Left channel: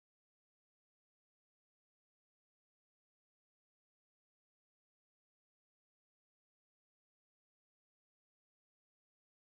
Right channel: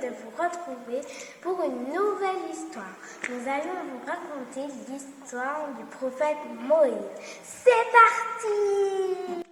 de vous retrouver pour une nouvelle histoire. Nous allons vous raconter l'histoire du prophète Moïse. C'est parti!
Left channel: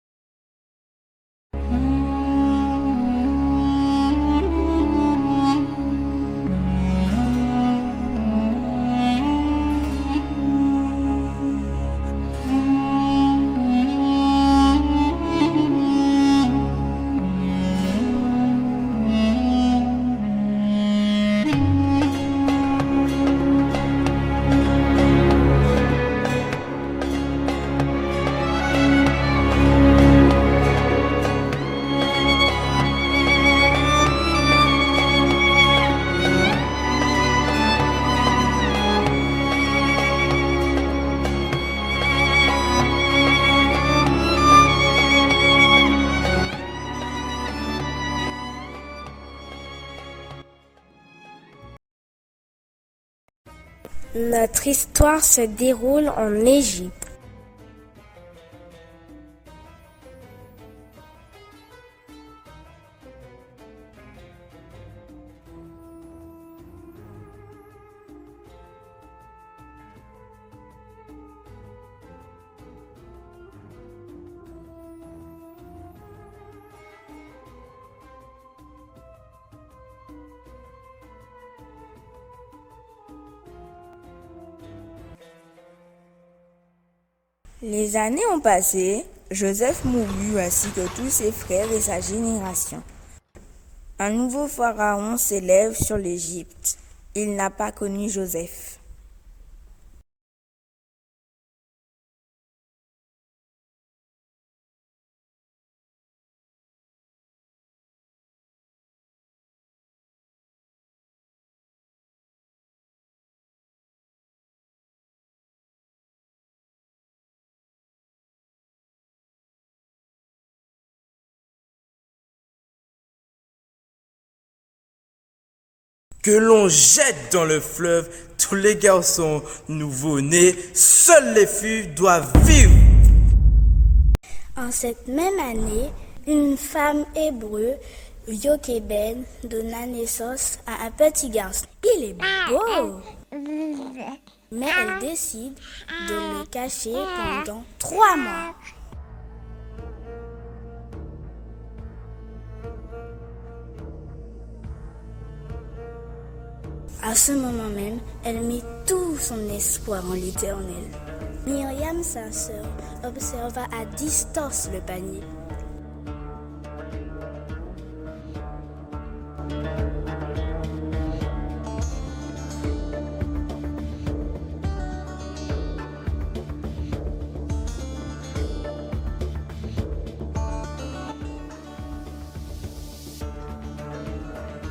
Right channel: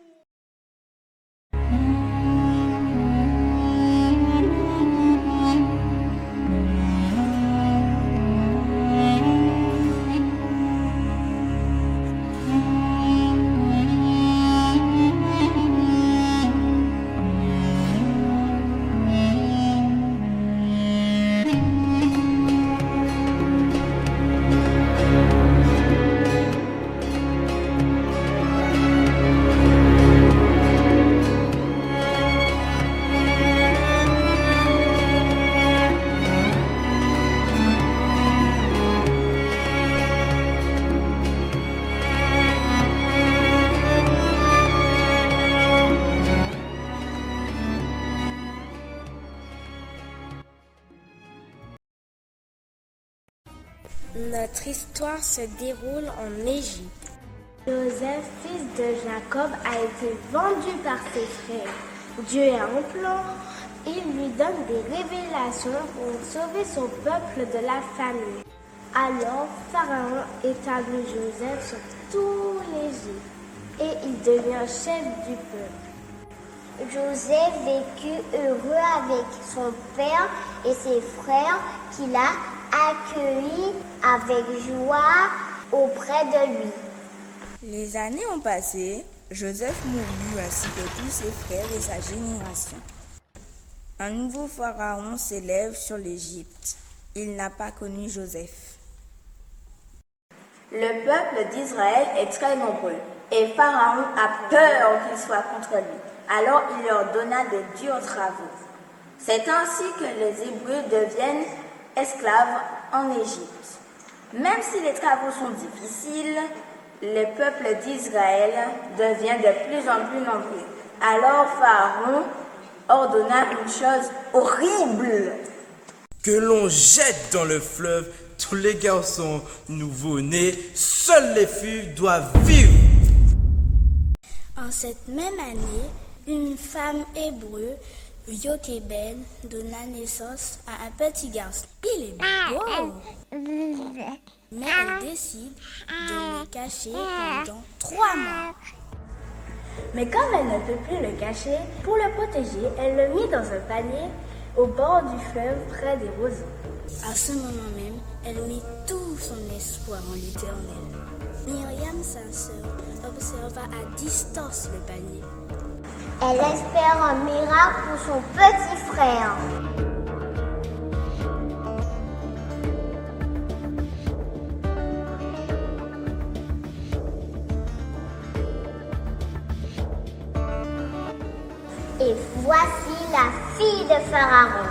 Notre histoire se déroule en Égypte. Joseph, fils de Jacob, a été vendu par ses frères. Dieu est en plan. Il lui donne des révélations pour sauver son peuple de la famine. Alors, Pharaon établit Joseph sur tout l'Égypte et il devient chef du peuple. Joseph vécut heureux avec son père et ses frères qu'il a accueillis avec joie auprès de lui. Les années ont passé, Joseph mourut ainsi que tous ses frères et sa génération. Un nouveau pharaon s'élève sur l'Égypte. Il n'a pas connu Joseph. Le peuple d'Israël est très nombreux et Pharaon a peur qu'ils soient contre lui. Alors il leur donna de durs travaux. C'est ainsi que les Hébreux deviennent esclaves en Égypte. Même si les travaux sont difficiles, le peuple d'Israël devient de plus en plus nombreux. Alors Pharaon ordonna une chose horrible. Que l'on jette dans le fleuve tous les garçons nouveau-nés, seules les filles doivent vivre. En cette même année, une femme hébreu, Jochébed, donna naissance à un petit garçon. Il est beau, mais elle décide de le cacher pendant 3 mois. Mais comme elle ne peut plus le cacher, pour le protéger, elle le mit dans un panier au bord du fleuve près des roseaux. À ce moment même, elle mit tout son espoir en l'Éternel. Myriam, sa sœur, observa à distance le panier. Elle espère un miracle pour son petit frère. Et voici la fille de Pharaon.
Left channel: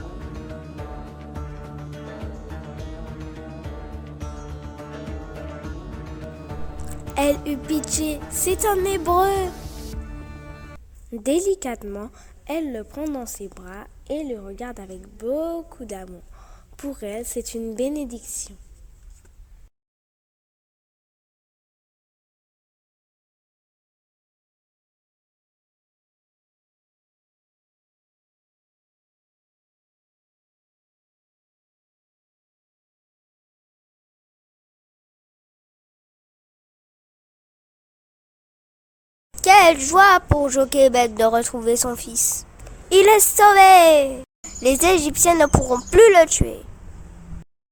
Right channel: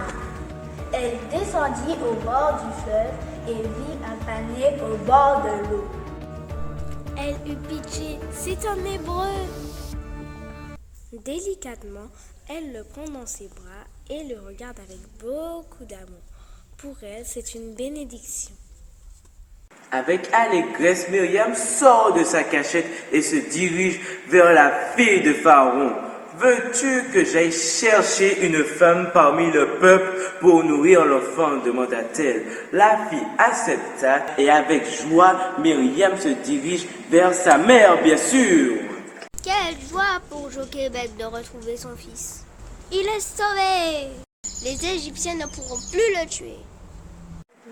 Elle descendit au bord du fleuve et vit un panier au bord de l'eau. Elle eut pitié, c'est un Hébreu. Délicatement, elle le prend dans ses bras et le regarde avec beaucoup d'amour. Pour elle, c'est une bénédiction. Avec allégresse, Myriam sort de sa cachette et se dirige vers la fille de Pharaon. Veux-tu que j'aille chercher une femme parmi le peuple pour nourrir l'enfant, demanda-t-elle. La fille accepta et avec joie, Myriam se dirige vers sa mère, bien sûr. Quelle joie pour Jochébed de retrouver son fils. Il est sauvé. Les Égyptiens ne pourront plus le tuer.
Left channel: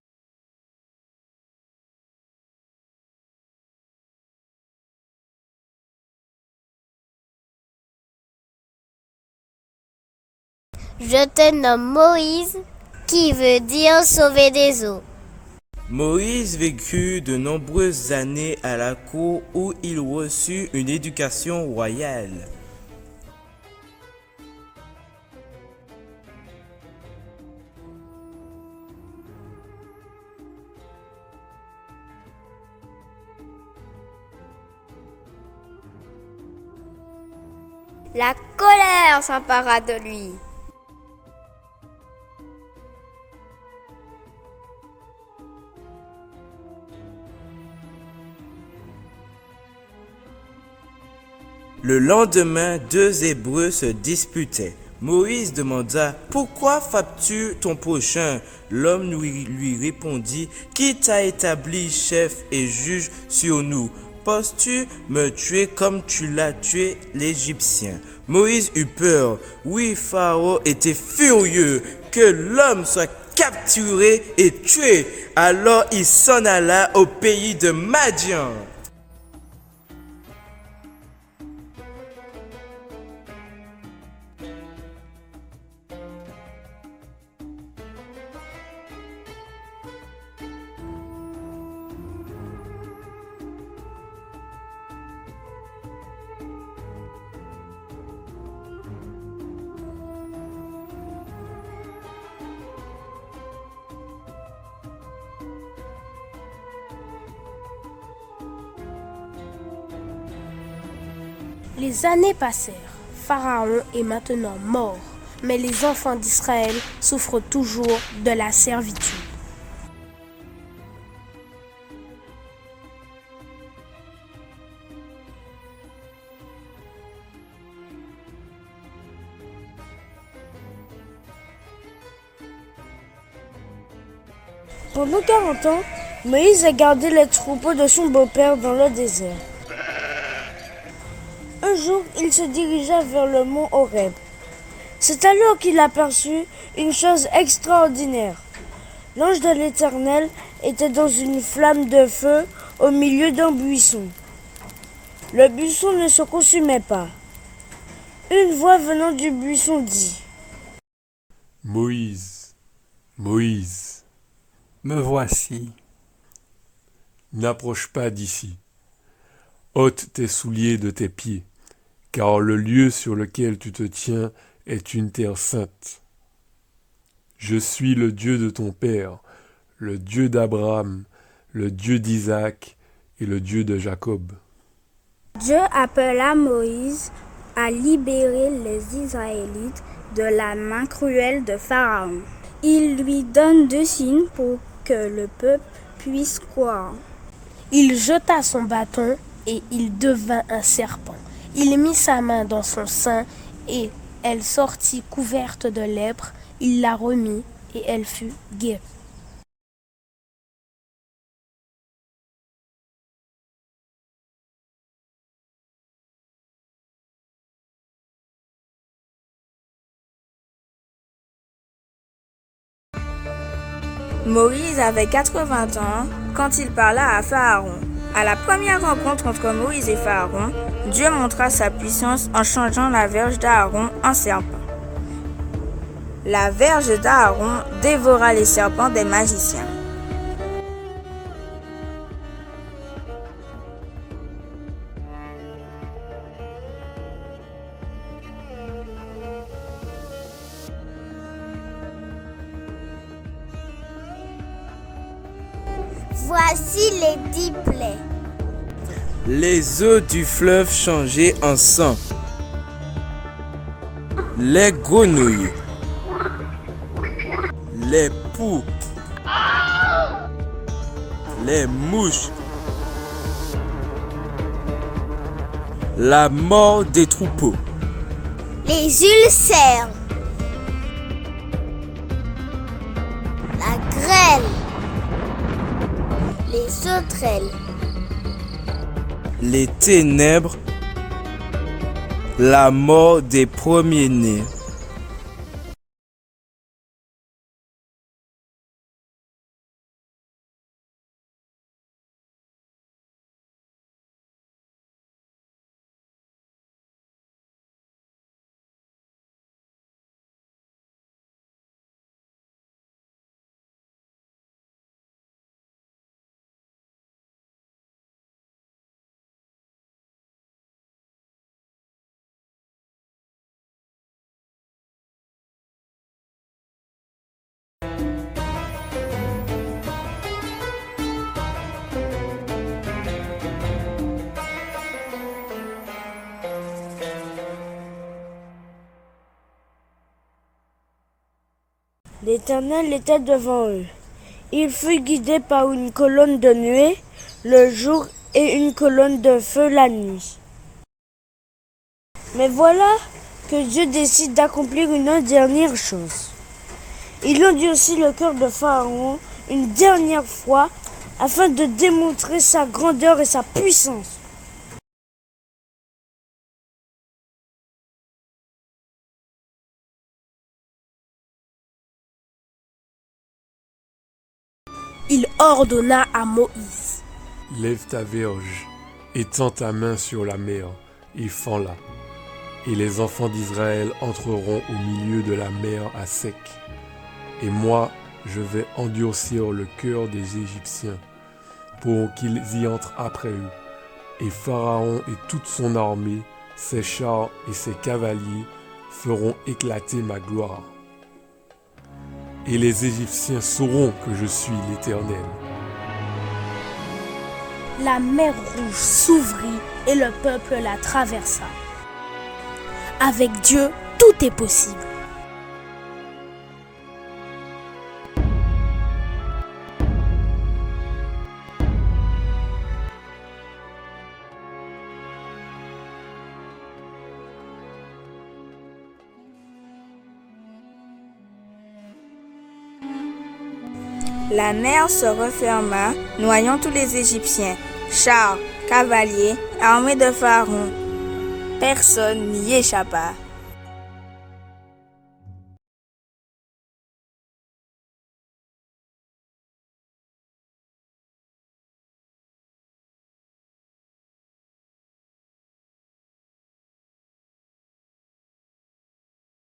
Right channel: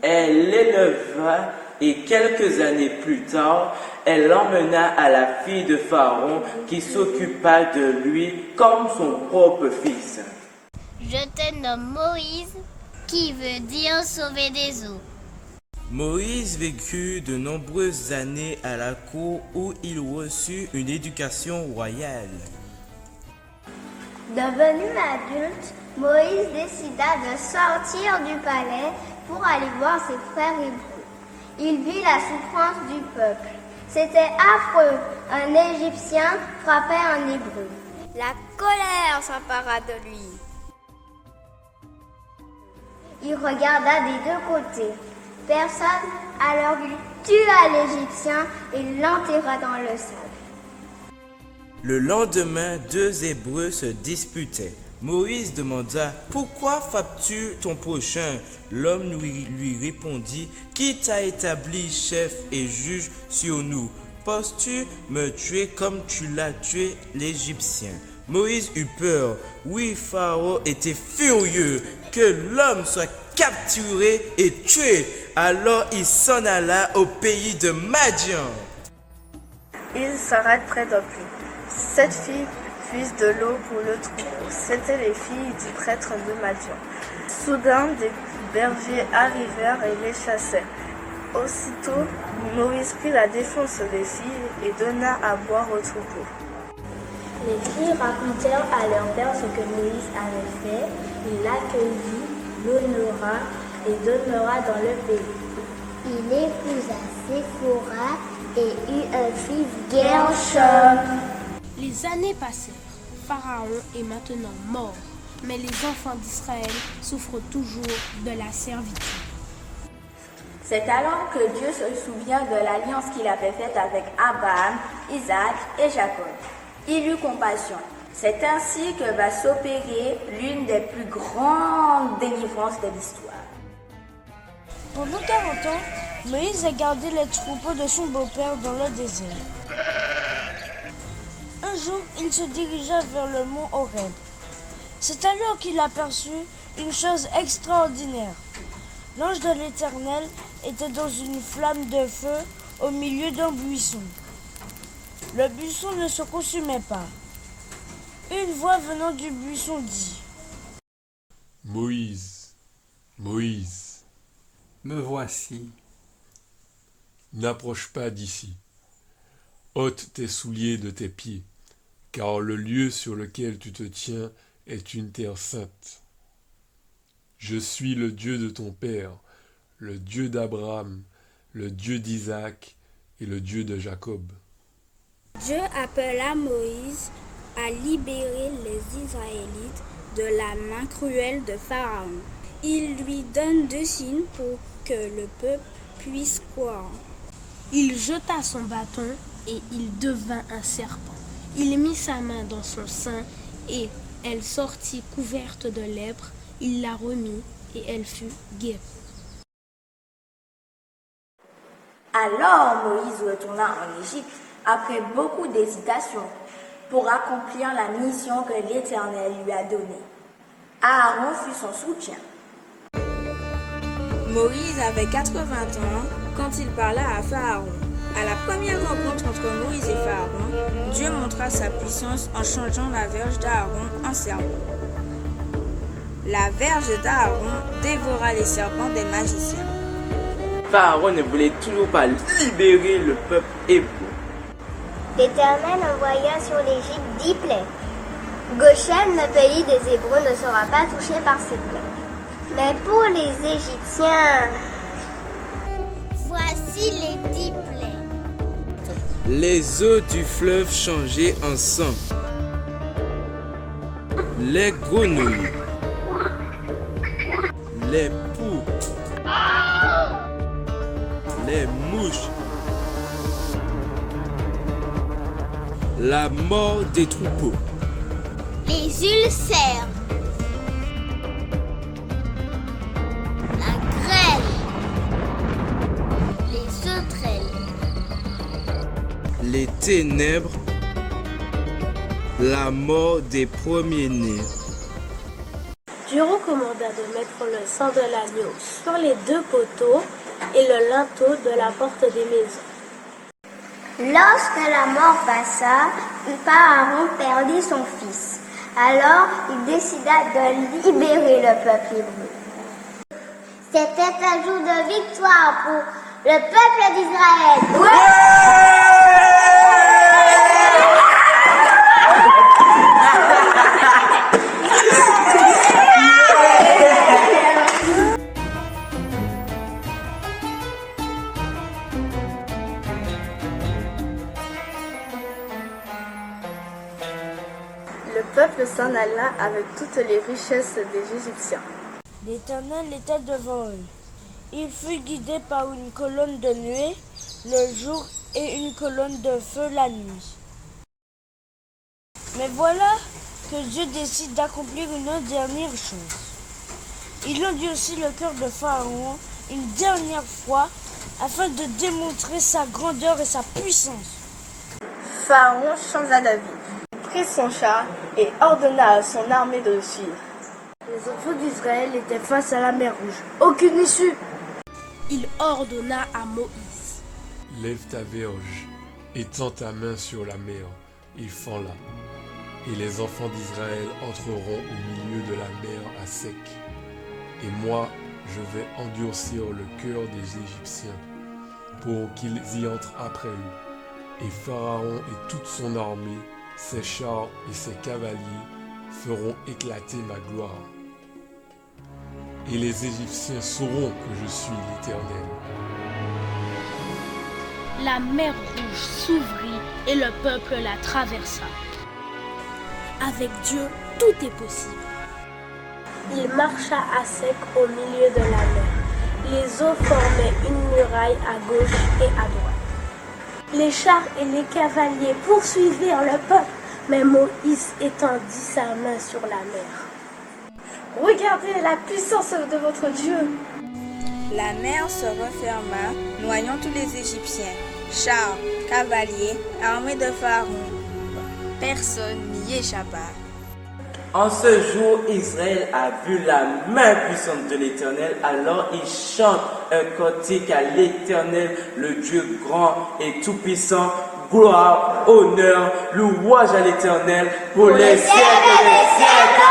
Elle l'éleva et quelques années plus tard, elle l'emmena à la fille de Pharaon qui s'occupa de lui comme son propre fils. Je te nomme Moïse, qui veut dire sauver des eaux. Moïse vécut de nombreuses années à la cour où il reçut une éducation royale. Devenu adulte, Moïse décida de sortir du palais pour aller voir ses frères hébreux. Il vit la souffrance du peuple. C'était affreux. Un Égyptien frappait un Hébreu. La colère s'empara de lui. Il regarda des deux côtés. Personne, alors il tua l'Égyptien et l'enterra dans le sable. Le lendemain, 2 Hébreux se disputaient. Moïse demanda, pourquoi frappes-tu ton prochain? L'homme lui répondit, qui t'a établi chef et juge sur nous? Penses-tu me tuer comme tu l'as tué l'Égyptien? Moïse eut peur. Oui, Pharaon était furieux que l'homme soit capturé et tué. Alors il s'en alla au pays de Madian. Il s'arrête près d'un puits. 7 filles puisent de l'eau pour le troupeau. C'étaient les filles du prêtre de Madian. Soudain, des bergers arrivèrent et les chassèrent. Aussitôt, Moïse prit la défense des filles et donna à boire au troupeau. Les filles racontèrent à leur père ce que Moïse avait fait. Il l'accueillit, l'honora et demeura dans le pays. Il épousa Séphora et eut un fils Gershom. Les années passèrent. Pharaon est maintenant mort, mais les enfants d'Israël souffrent toujours de la servitude. C'est alors que Dieu se souvient de l'alliance qu'il avait faite avec Abraham, Isaac et Jacob. Il eut compassion. C'est ainsi que va s'opérer l'une des plus grandes délivrances de l'histoire. Pendant 40 ans, Moïse a gardé les troupeaux de son beau-père dans le désert. Un jour, il se dirigea vers le mont Horeb. C'est alors qu'il aperçut une chose extraordinaire. L'ange de l'Éternel était dans une flamme de feu au milieu d'un buisson. Le buisson ne se consumait pas. Une voix venant du buisson dit : Moïse, Moïse, me voici. N'approche pas d'ici. Ôte tes souliers de tes pieds, car le lieu sur lequel tu te tiens est une terre sainte. Je suis le Dieu de ton père, le Dieu d'Abraham, le Dieu d'Isaac et le Dieu de Jacob. Dieu appela Moïse à libérer les Israélites de la main cruelle de Pharaon. Il lui donne 2 signes pour que le peuple puisse croire. Il jeta son bâton et il devint un serpent. Il mit sa main dans son sein et elle sortit couverte de lèpre. Il la remit et elle fut guérie. Alors Moïse retourna en Égypte après beaucoup d'hésitation pour accomplir la mission que l'Éternel lui a donnée. Aaron fut son soutien. Moïse avait 80 ans quand il parla à Pharaon. À la première rencontre entre Moïse et Pharaon, Dieu montra sa puissance en changeant la verge d'Aaron en serpent. La verge d'Aaron dévora les serpents des magiciens. Pharaon ne voulait toujours pas libérer le peuple hébreu. L'Éternel envoya sur l'Égypte 10 plaies. Goshen, le pays des Hébreux, ne sera pas touché par ces plaies. Mais pour les Égyptiens, voici les 10 plaies. Les eaux du fleuve changeaient en sang. Les grenouilles, les poux, les mouches, la mort des troupeaux, Les ulcères, la grêle, les sauterelles, les ténèbres, la mort des premiers-nés. Dieu recommanda de mettre le sang de l'agneau sur les 2 poteaux et le linteau de la porte des maisons. Lorsque la mort passa, Pharaon perdit son fils. Alors, il décida de libérer le peuple hébreu. C'était un jour de victoire pour le peuple d'Israël. Le peuple s'en alla avec toutes les richesses des Égyptiens. L'Éternel était devant eux. Il fut guidé par une colonne de nuée le jour et une colonne de feu la nuit. Mais voilà, que Dieu décide d'accomplir une dernière chose. Il endurcit le cœur de Pharaon une dernière fois afin de démontrer sa grandeur et sa puissance. Pharaon changea d'avis. Il prit son char et ordonna à son armée de le suivre. Les enfants d'Israël étaient face à la mer Rouge. Aucune issue. Il ordonna à Moïse. Lève ta verge, étends ta main sur la mer et fends-la. Et les enfants d'Israël entreront au milieu de la mer à sec. Et moi, je vais endurcir le cœur des Égyptiens pour qu'ils y entrent après eux. Et Pharaon et toute son armée, ses chars et ses cavaliers feront éclater ma gloire. Et les Égyptiens sauront que je suis l'Éternel. La mer Rouge s'ouvrit et le peuple la traversa. Avec Dieu, tout est possible. Il marcha à sec au milieu de la mer. Les eaux formaient une muraille à gauche et à droite. Les chars et les cavaliers poursuivirent le peuple, mais Moïse étendit sa main sur la mer. Regardez la puissance de votre Dieu. La mer se referma, noyant tous les Égyptiens, chars, cavaliers, armées de Pharaon. Personne n'y échappa. En ce jour, Israël a vu la main puissante de l'Éternel, alors il chante un cantique à l'Éternel, le Dieu grand et tout-puissant. Gloire, honneur, louange à l'Éternel pour les siècles des siècles.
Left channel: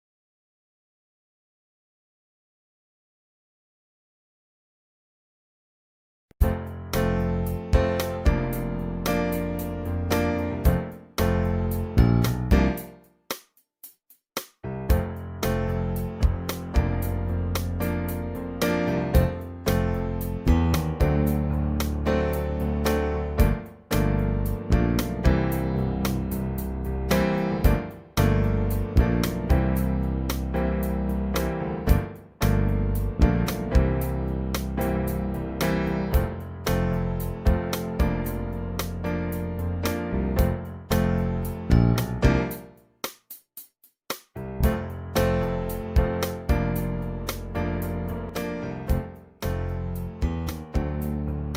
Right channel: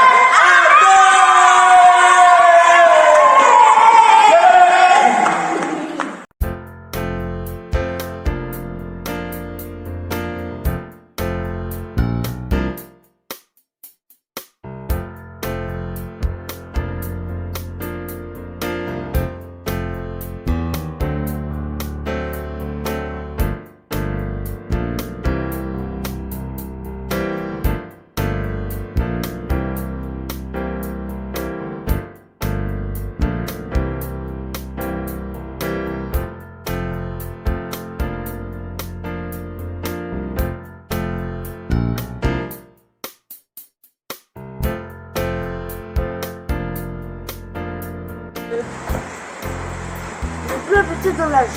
Dans la joue.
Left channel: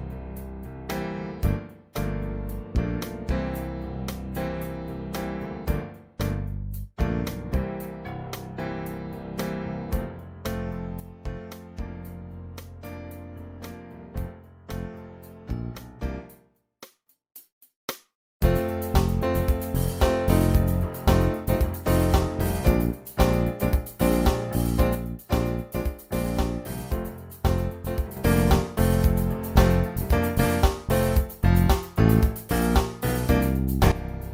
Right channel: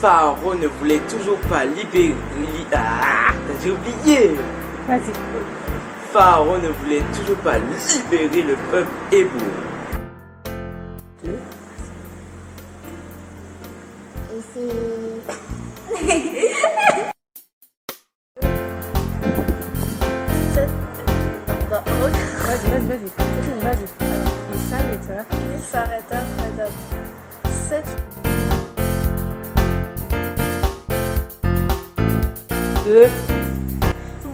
Pharaon ne voulait toujours pas libérer. J'ai oublié. Pharaon ne voulait toujours pas libérer le peuple hébreu.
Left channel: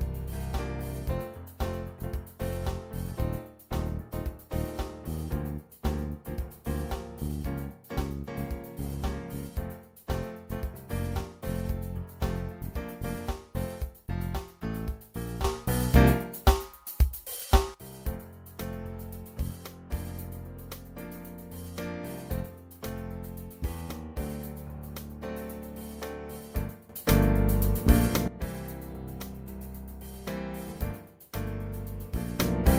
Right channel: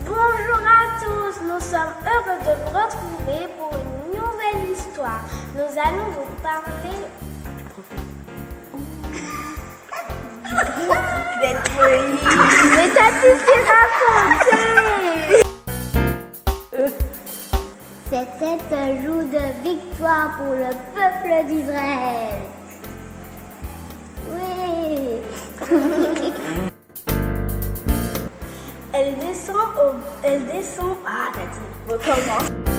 Bonjour à tous, nous sommes heureux de vous retrouver pour une nouvelle histoire. Nous allons vous parler Mais t'as tout ce raconté. C'était un jour de victoire pour le peuple d'Israël. Oui. Elle descend. Recommence.